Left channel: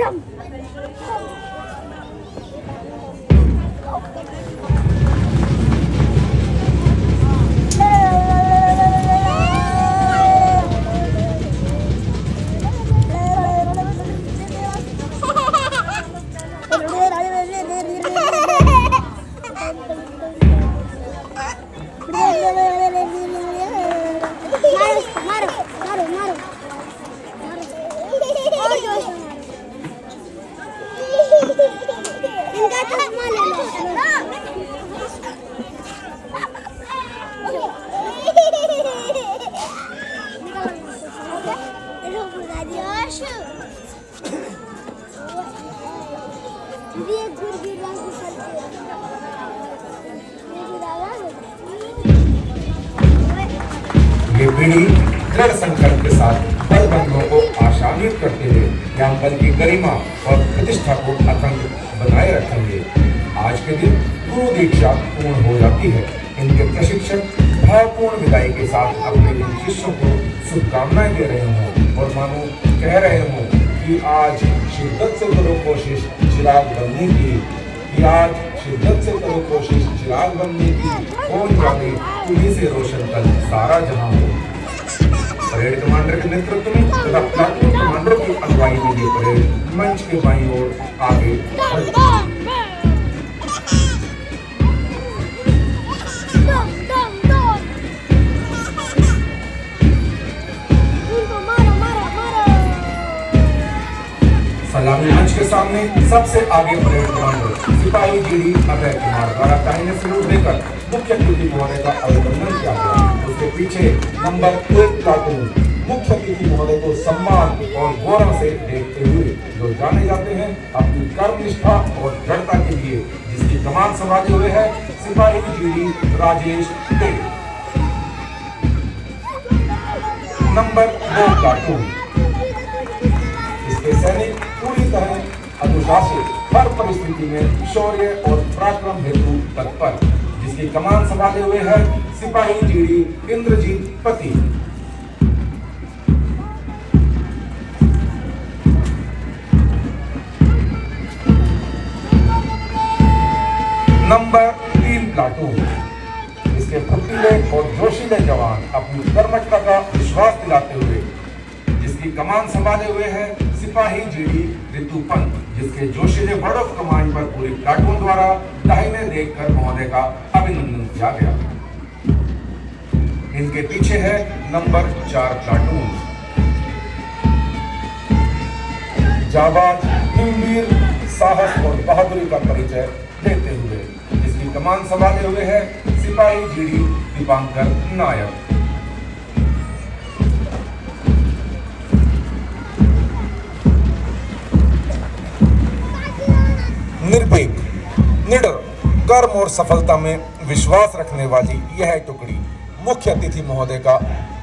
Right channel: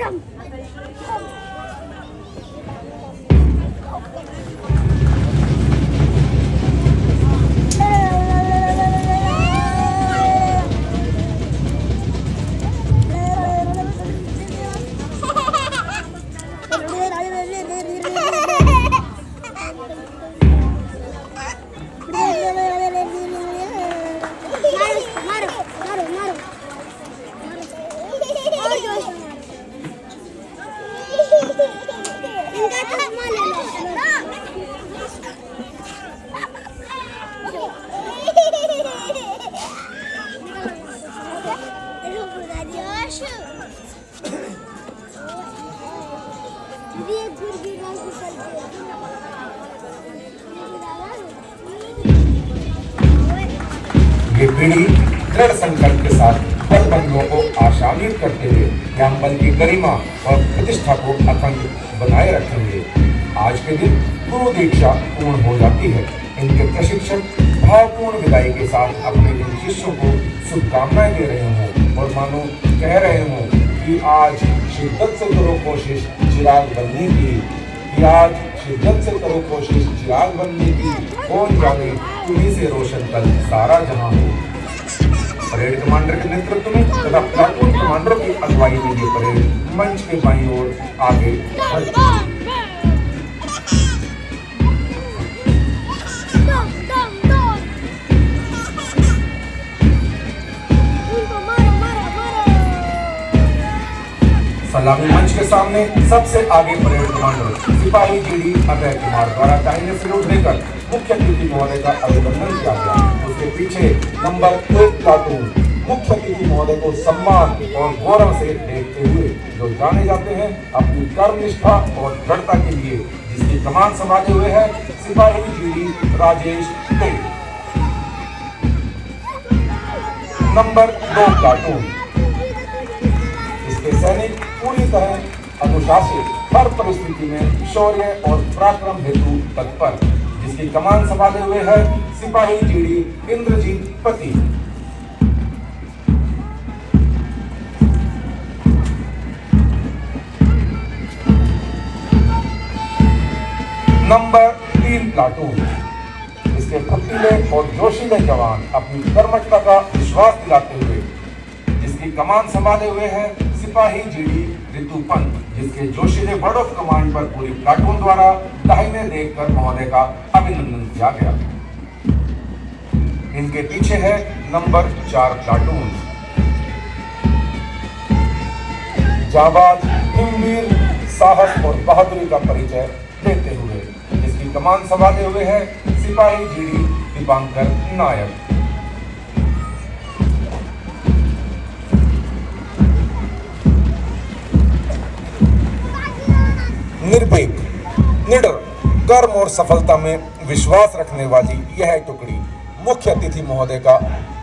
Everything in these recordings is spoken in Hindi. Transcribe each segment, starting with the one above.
ये पीढ़ी दृढ़ संकल्प के साथ बड़ बंधनों को आशान्वित करते हुए यहाँ बल की गरिमा और प्रतिष्ठा को अखंड बनाए रखेंगे। आज के दिन गुरु दीक्षा पूर्ण हो जाती है। इनके प्रशिक्षक भावपूर्ण विदाई के साथ अपने इन शिष्यों को शुभकामनाएं दे रहे हों और मानो कह रहे हों कि आज शिद्दत से करो कोशिश चिराग बनने की, कि आज शिद्दत से करो कोशिश चिराग बनने की, कौन जाने तुम्हीं से रोशन कल सारा जहां हो। परेड कमांडर के नेतृत्व में तथा प्लाटून कमांडर की अगुवाई में ये परेड मंच के बाईं ओर आगे बढ़ती है। सलामी मंच के सामने सबसे आगे परेड कमांडर सिपाही जीडी अभय कुमार द्वारा दाहिने सैल्यूट देकर मुख्य अतिथि महोदय का अभिनंदन किया गया। उसके पीछे नंबर 1 प्लाटून मुख्य अतिथि महोदय को सम्मान और गौरव से देखते हुए जो जाने जाते हैं अपनी कर्मनिष्ठा और दृढ़ता के लिए, जिसकी कमान संभाले हुए है सिपाही GD Rajesh till. Number 2 platoon इसके सैनिक पूरी तरह अनुशासित, हर परिस्थिति में शौर्य और पराक्रम हेतु तत्पर, जिसकी कमान संभाले हुए है सिपाही जीडी इंद्रजीत पति। नंबर 3 प्लाटून इसके फुर्तीले और जोशीले जवान अपनी कर्मठता का विश्वास दिलाते हुए, जिसकी कमान संभाले हुए है सिपाही जीडी ऋतुपंत, जिसके जोशीले वर्ड ऑफ कमांड पर पूरी प्लाटून द्वारा दाहिने देखकर महोदय का अभिनंदन किया गया। इनके पीछे है नंबर 4 प्लाटून जाबाज, वीर, साहस और बहादुरी का परिचय देते हुए, जिसकी कमान संभाले हुए है सिपाही जीडी दीपांकर नायक। निर्भीक, निडर, कर्म और सफलता में विश्वास रखने वाली यह टुकड़ी मुख्य अतिथि महोदय का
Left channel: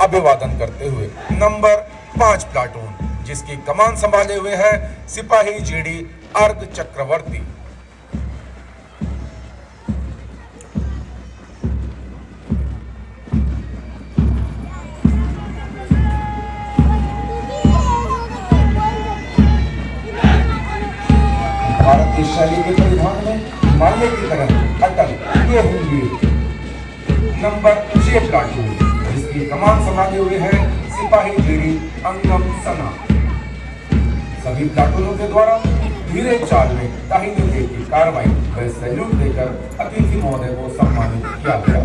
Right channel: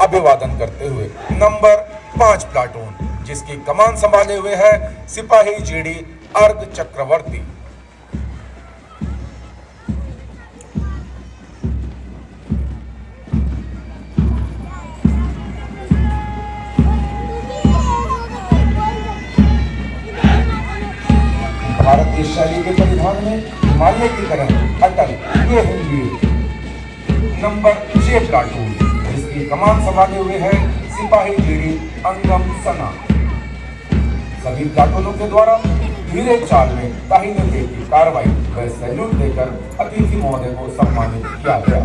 अभिवादन करते हुए नंबर 5 प्लाटून, जिसकी कमान संभाले हुए है सिपाही जीडी अर्घ चक्रवर्ती। नंबर 6 प्लाटून जिसकी कमान संभाले हुए है सिपाही जीडी अंगम सना। सभी प्लाटूनों के द्वारा धीरे चाल में दाहिने गेट की कार्रवाई व सैल्यूट देकर अतिथि महोदय को सम्मानित किया गया।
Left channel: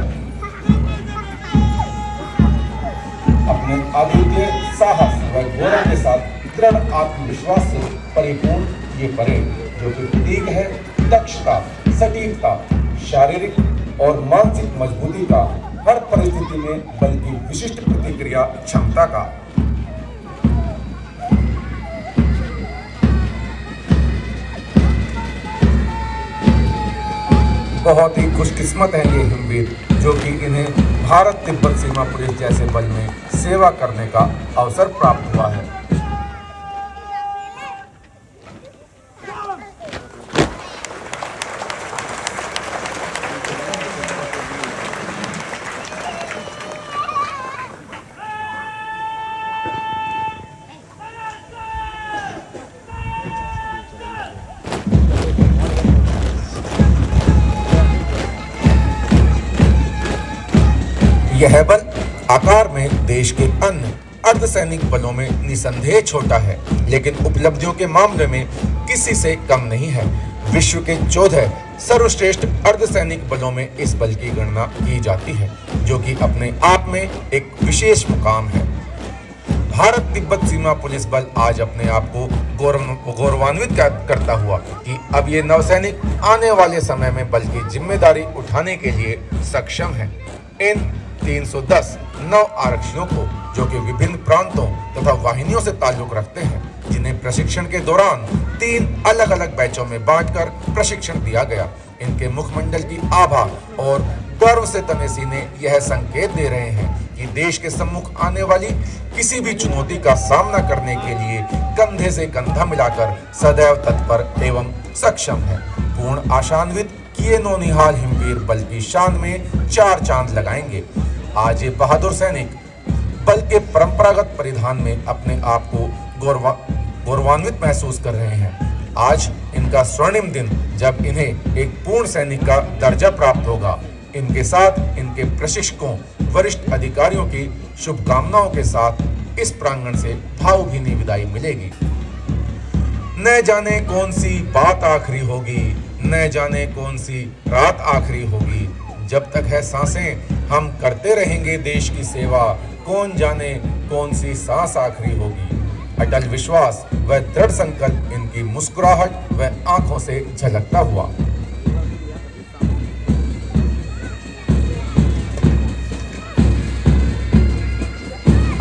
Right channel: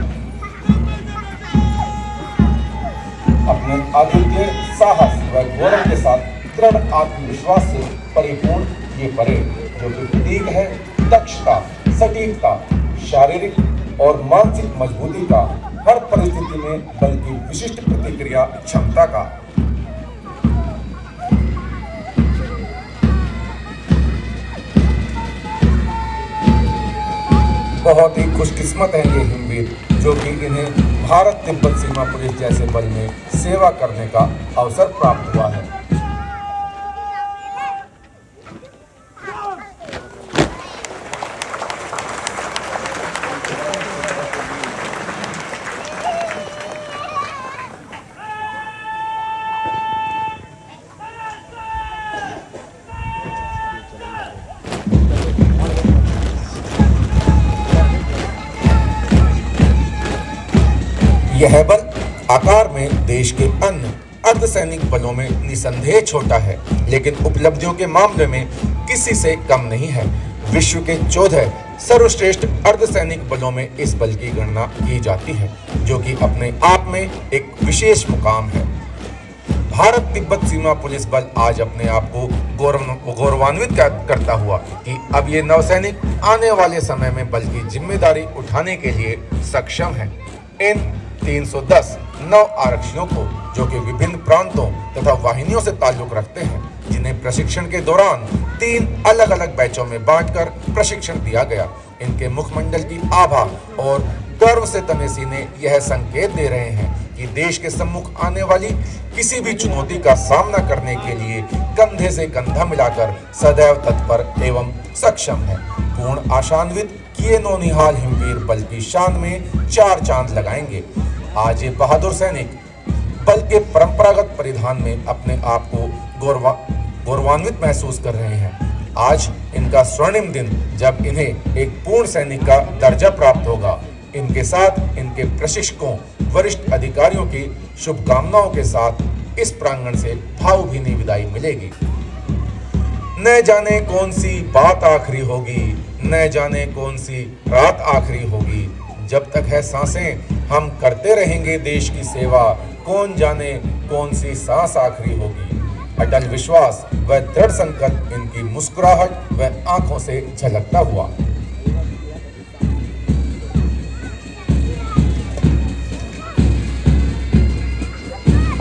अपने अद्वितीय साहस व गौरव के साथ दृढ़ आत्मविश्वास से परिपूर्ण ये परेड, जो कि प्रतीक है दक्षता, सटीकता, शारीरिक और मानसिक मजबूती का, हर परिस्थिति में बल की विशिष्ट प्रतिक्रिया क्षमता का। बहुत ही खुशकिस्मत है ये हिमवीर, जो कि इन्हें भारत तिब्बत सीमा पुलिस जैसे बल में सेवा करने का अवसर प्राप्त हुआ है। आकार में देश के अन्य अर्धसैनिक बलों में निसंदेह छोटा है, लेकिन उपलब्धियों के मामले में किसी से कम नहीं है। विश्व के 14 सर्वश्रेष्ठ अर्धसैनिक बलों में इस बल की गणना की जाती है, जो कि अपने आप में एक विशेष मुकाम है। भारत तिब्बत सीमा पुलिस बल आज अपने आप को गौरवान्वित करता हुआ कि अब ये नौसैनिक आने वाले समय में बल की जिम्मेदारी उठाने के लिए सक्षम है। इन 310 नौ आरक्षियों को, जो कि विभिन्न प्रांतों तथा वाहिनियों से ताल्लुक रखते हैं, जिन्हें प्रशिक्षण के दौरान 3 अलग अलग बैचों में बांटकर प्रशिक्षण दिया गया, इनके मुखमंडल की आभा और गर्व से तने सीने यह संकेत दे रहे हैं कि देश के सम्मुख आने वाली किसी भी चुनौती का सामना करने के लिए कंधे से कंधा मिलाकर सदैव तत्पर एवं सक्षम है। पूर्ण आशान्वित किए नौनिहाल हिमवीर बल की शान में 4 चांद लगाएंगे। आज ये बहादुर सैनिक बल के परंपरागत परिधान में अपने आप को गौरवान्वित महसूस कर रहे हैं। आज इनका स्वर्णिम दिन, जब इन्हें एक पूर्ण सैनिक का दर्जा प्राप्त होगा। इनके साथ इनके प्रशिक्षकों, वरिष्ठ अधिकारियों की शुभकामनाओं के साथ इस प्रांगण से भावभीनी विदाई मिलेगी। न जाने कौन सी बात आखिरी होगी, न जाने कौन सी रात आखिरी होगी। जब तक है सांसें हम करते रहेंगे देश की सेवा, कौन जाने कौन सी सांस आखिरी होगी। अटल विश्वास व दृढ़ संकल्प इनकी मुस्कुराहट व आंखों से झलकता हुआ।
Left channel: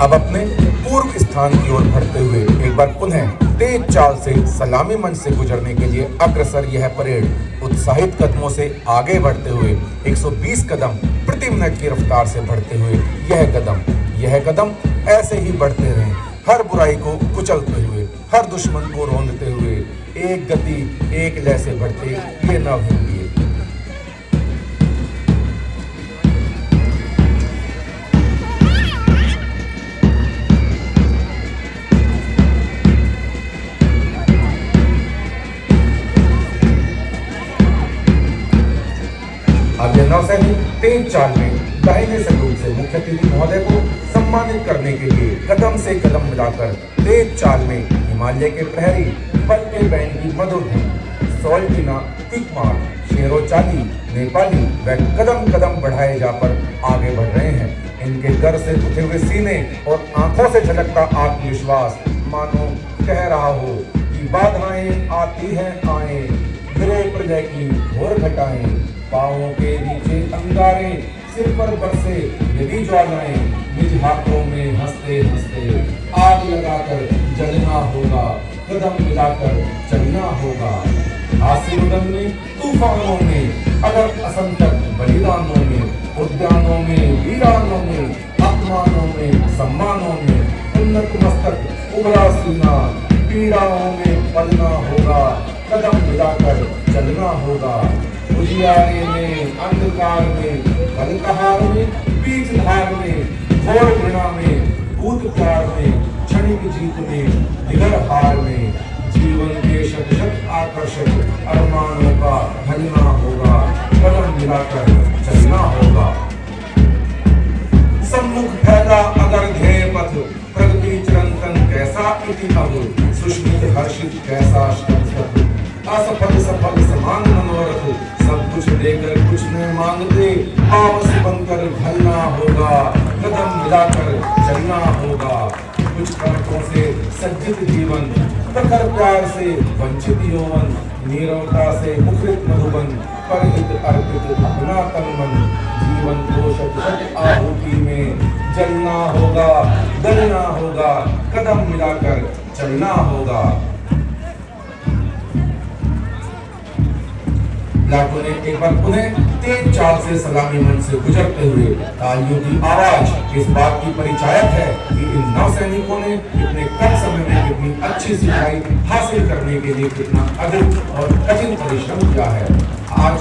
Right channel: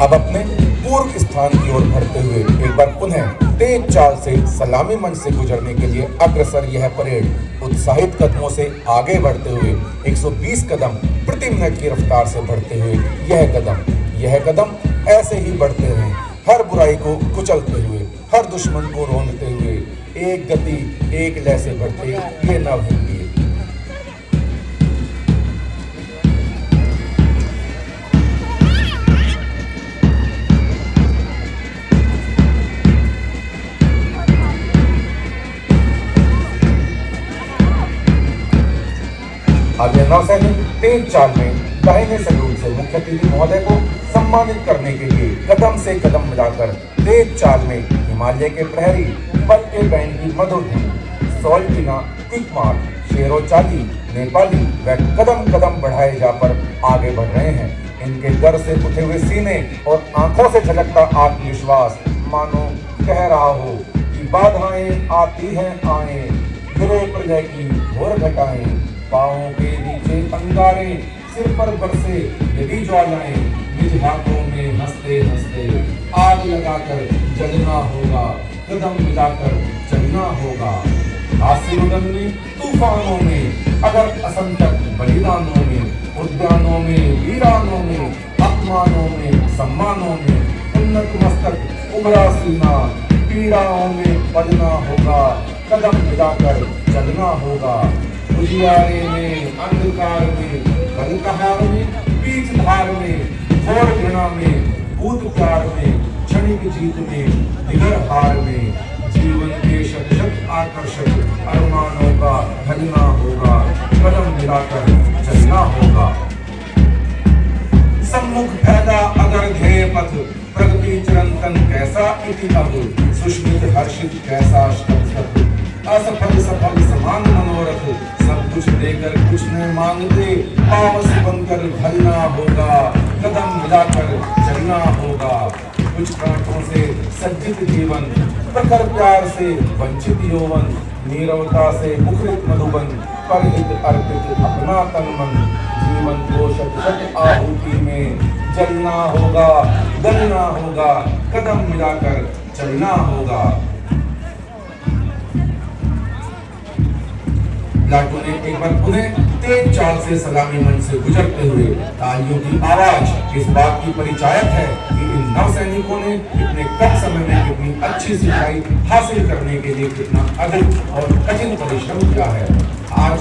अब अपने पूर्व स्थान की ओर बढ़ते हुए एक बार पुनः तेज चाल से सलामी मंच से गुजरने के लिए अग्रसर यह परेड उत्साहित कदमों से आगे बढ़ते हुए 120 कदम प्रति मिनट की रफ्तार से बढ़ते हुए यह कदम ऐसे ही बढ़ते रहे, हर बुराई को कुचलते हुए, हर दुश्मन को रौंदते हुए, एक गति एक लय से बढ़ते ये नव हिमवीर। चाल में दाहिने से मुख्य अतिथि महोदय को सम्मानित करने के लिए कदम से कदम मिलाकर तेज चाल में हिमालय के प्रहरी पट्टे बैंड की मधुर सॉल्टिना, तीकमार, शेरो चाली, नेपाली व कदम कदम बढ़ाए जाकर आगे बढ़ रहे हैं। इनके दर से उठे हुए सीने और आंखों से झलकता आत्मविश्वास मानो कह रहा हो कि बाधाएं आती हैं आए, गिरे प्रलय की घोर घटाएं, पाँवों के नीचे अंगारे, सिर पर बरसे यदि ज्वालाएं, निज हाथों में हंसते हंसते आग लगाकर जलना होगा, कदम मिलाकर चलना होगा। आशीर्वादन में, तूफानों में, अगर असंख्य बलिदानों में, उद्यानों में, वीरानों में, अपमानों में, सम्मानों में, उन्नत मस्तक उबरा सीना, पीड़ाओं में पलना होगा, कदम मिलाकर चलना होगा। उजियारे में, अंधकार में, कलकहार में, बीच धार में, घोर घृणा में, भूत प्यार में, क्षणिक जीत में, निगर हार में, जीवन के शत शत आकर्षक अरमानों का ढलना होगा, कदम मिलाकर चलना होगा। सम्मुख फैला अगर ध्येय पथ, प्रगति चिरंतन कैसा इति अब, सुष्मित हर्षित कैसा श्रद्ध, असफल सफल समान मनोरथ, सब कुछ देकर कुछ न मांगते, पावस बनकर ढलना होगा, कदम मिलाकर चलना होगा। कुछ कणकों से सज्जित जीवन, प्रखर प्यार से वंचित यौवन, नीरवता से मुखरित मधुबन, परहित अर्पित अपना तन मन, जीवन को शत आहुति में जलना होगा, गलना होगा, कदम मिलाकर चलना होगा। लाखों ने एक बार पुनः तेज चाल से सलामी मंच से गुजरते हुए तालियों की आवाज इस बात की परिचायक है कि इन नौसैनिकों ने इतने कम समय में कितनी अच्छी सिखाई हासिल करने के लिए कितना अधिक और कठिन परिश्रम किया है। आज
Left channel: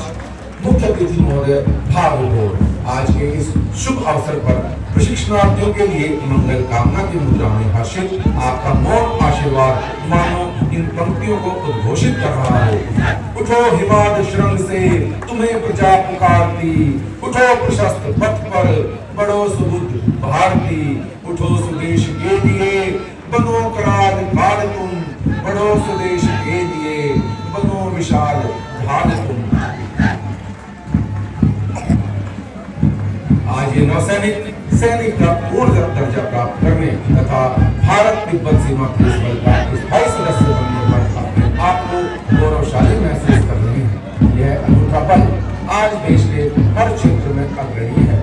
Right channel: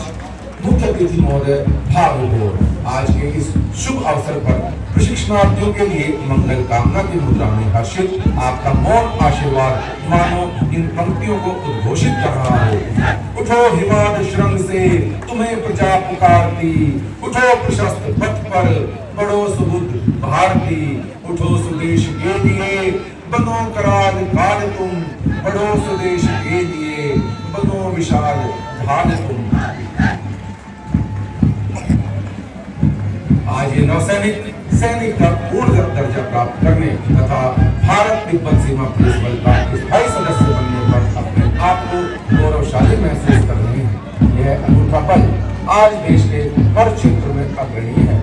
मुख्य अतिथि महोदय भावविभोर आज के इस शुभ अवसर पर प्रशिक्षणार्थियों के लिए मंगल कामना की मुद्रा में हर्षित आपका मौन आशीर्वाद मानो इन पंक्तियों को उद्घोषित कर रहा हो। उठो हिमाद श्रृंग से तुम्हें प्रजा पुकारती, उठो प्रशस्त पथ पर बढ़ो सुबुद्ध भारत भारती, उठो स्वदेश के लिए, बनो करार काल तुम, बढ़ो स्वदेश के लिए, बनो विशाल भाग तुम। आज ये नौसैनिक सैनिक का पूर्ण दर्जा प्राप्त करने तथा भारत तिब्बत सीमा पुलिस बल का स्थायी सदस्य बनने पर अपने आप को गौरवशाली महसूस कर रहे हैं। यह अनूठा पल आज देश के हर क्षेत्र में अग्रणी है।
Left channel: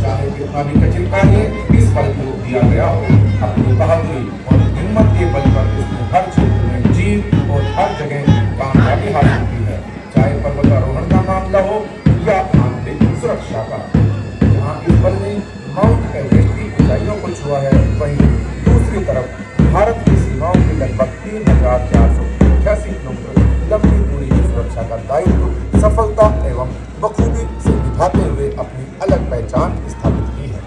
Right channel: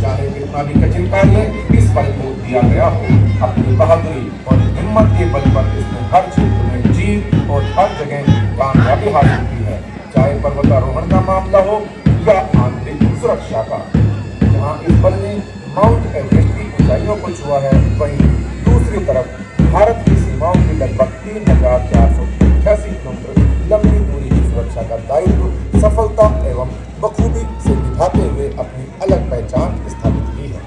चाहे कितना भी कठिन कार्य इस पल को दिया गया हो, अपनी बहादुरी और हिम्मत के बल पर इसने हर क्षेत्र में जीत और हर जगह कामयाबी हासिल की है। चाहे पर्वतारोहण का मामला हो या आंतरिक सुरक्षा का, जहाँ इस बल ने माउंट एवरेस्ट की ऊंचाइयों को छुआ है, वहीं दूसरी तरफ भारत की सीमाओं की लगभग 3,488 किलोमीटर लंबी दूरी की सुरक्षा का दायित्व सफलता एवं बखूबी से निभाते हुए अपनी अलग पहचान स्थापित की है।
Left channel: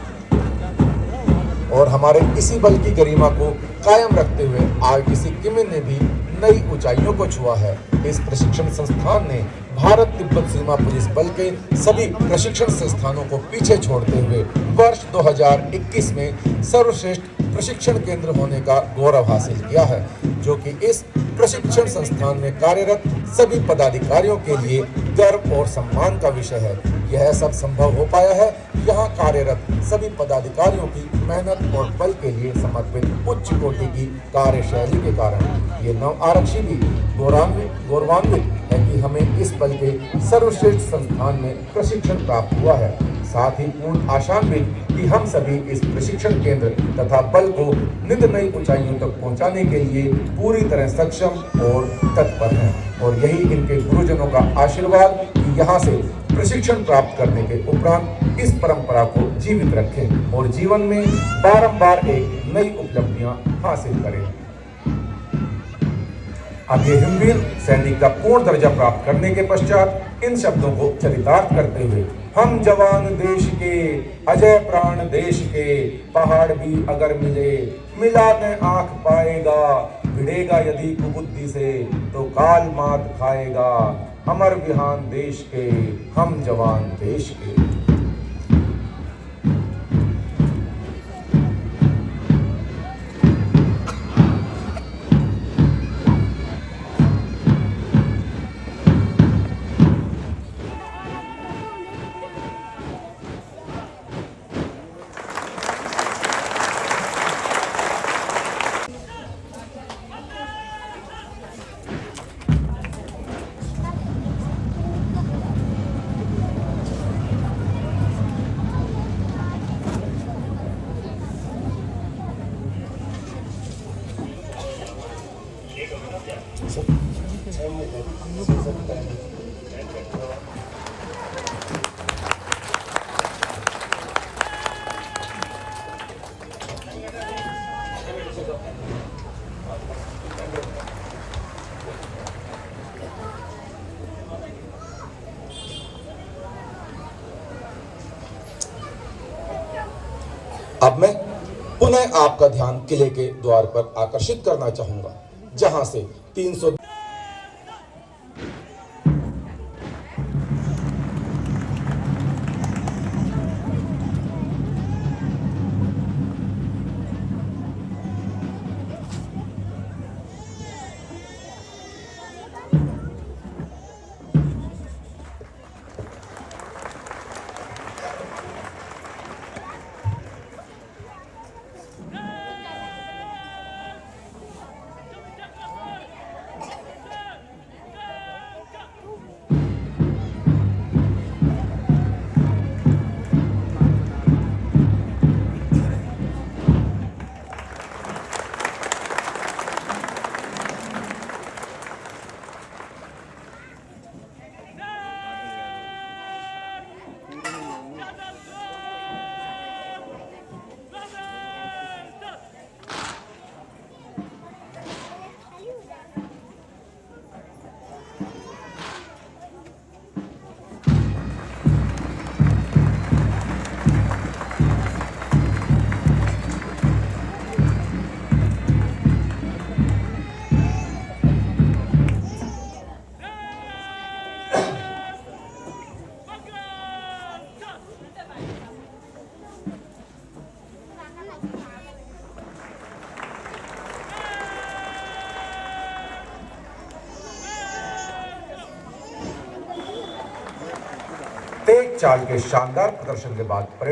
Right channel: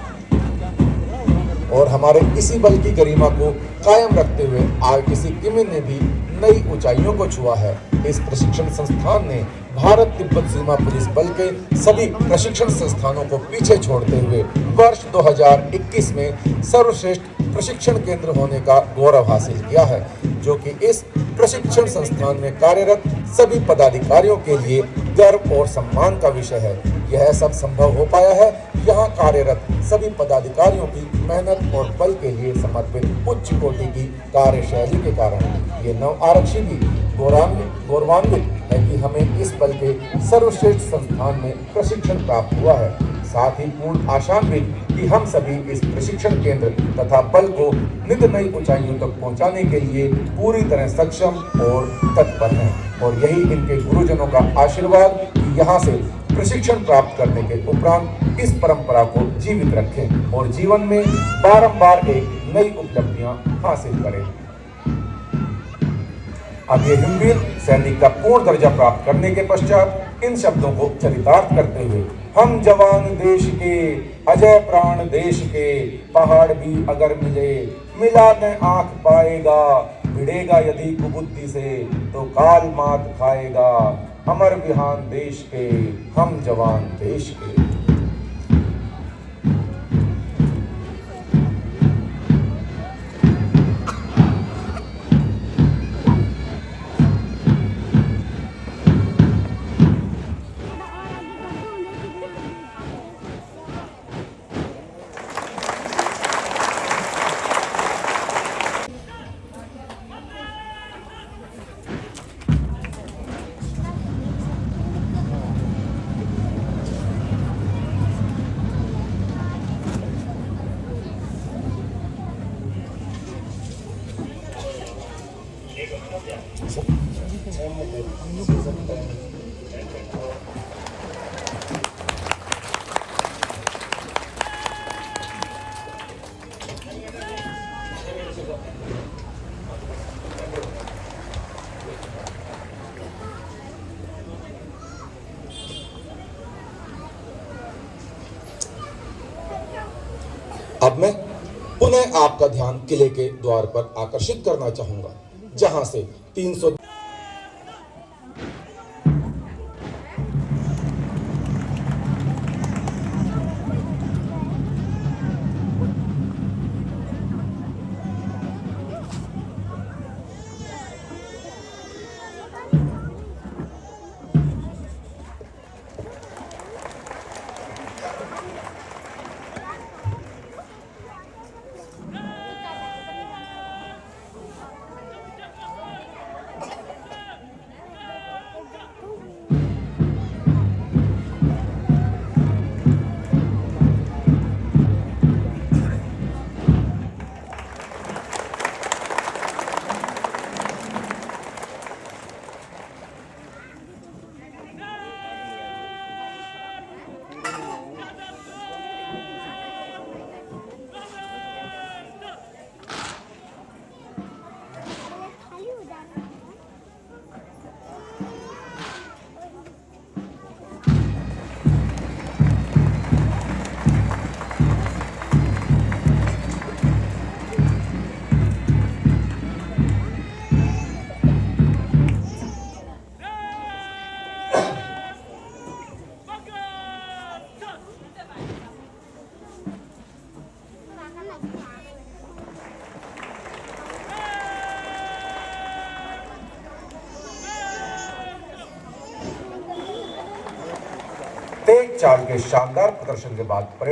और हमारे इसी बल की गरिमा को कायम रखते हुए आज किसी किमी ने भी नई ऊंचाइयों को छुआ है। इस प्रशिक्षण संस्थान ने भारत तिब्बत सीमा पुलिस बल के सभी प्रशिक्षण संस्थानों को पीछे छोड़ते हुए वर्ष 2021 में सर्वश्रेष्ठ प्रशिक्षण केंद्र होने का गौरव हासिल किया है, जो कि इस प्रशिक्षण संस्थान में कार्यरत सभी पदाधिकारियों के लिए गर्व और सम्मान का विषय है। यह सब संभव हो पाया है यहाँ कार्यरत सभी पदाधिकारियों की मेहनत और बल के लिए समर्पित उच्च कोटि की कार्यशैली के कारण। ये नव आरक्षी भी गौरवान्वित है कि हमें इस बल के सर्वश्रेष्ठ संस्थान में प्रशिक्षण प्राप्त हुआ है। साथ ही पूर्ण आशान्वित कि हम सभी इस प्रशिक्षण केंद्र तथा बल को नित नई ऊंचाइयों तक पहुंचाने के लिए पूरी तरह सक्षम और तत्पर हैं। और यही इनके गुरुजनों का आशीर्वाद कि यहाँ से प्रशिक्षण प्राप्त करने के उपरांत इस परंपरा को जीवित रखें और जीवन में बारंबार एक नई उपलब्धियां हासिल करें। अब ये हिमवीर सैनिक का पूर्ण दर्जा प्राप्त करने के पश्चात इन शब्दों को चरितार्थ करते हुए, हम जवान देश के, अजय प्राण देश के, पहाड़ भी अगर मिला न आंख पाएगा, भिड़ेगा यदि कुबुद्धि से तो काल मात खाएगा। अमर विहान देश के, हम जवान देश के। अब मैं पुनः आपका ध्यान किले के द्वार पर आकर्षित करना चाहूंगा, जहां से 300 तेज चाल के शानदार प्रदर्शन के बाद परेड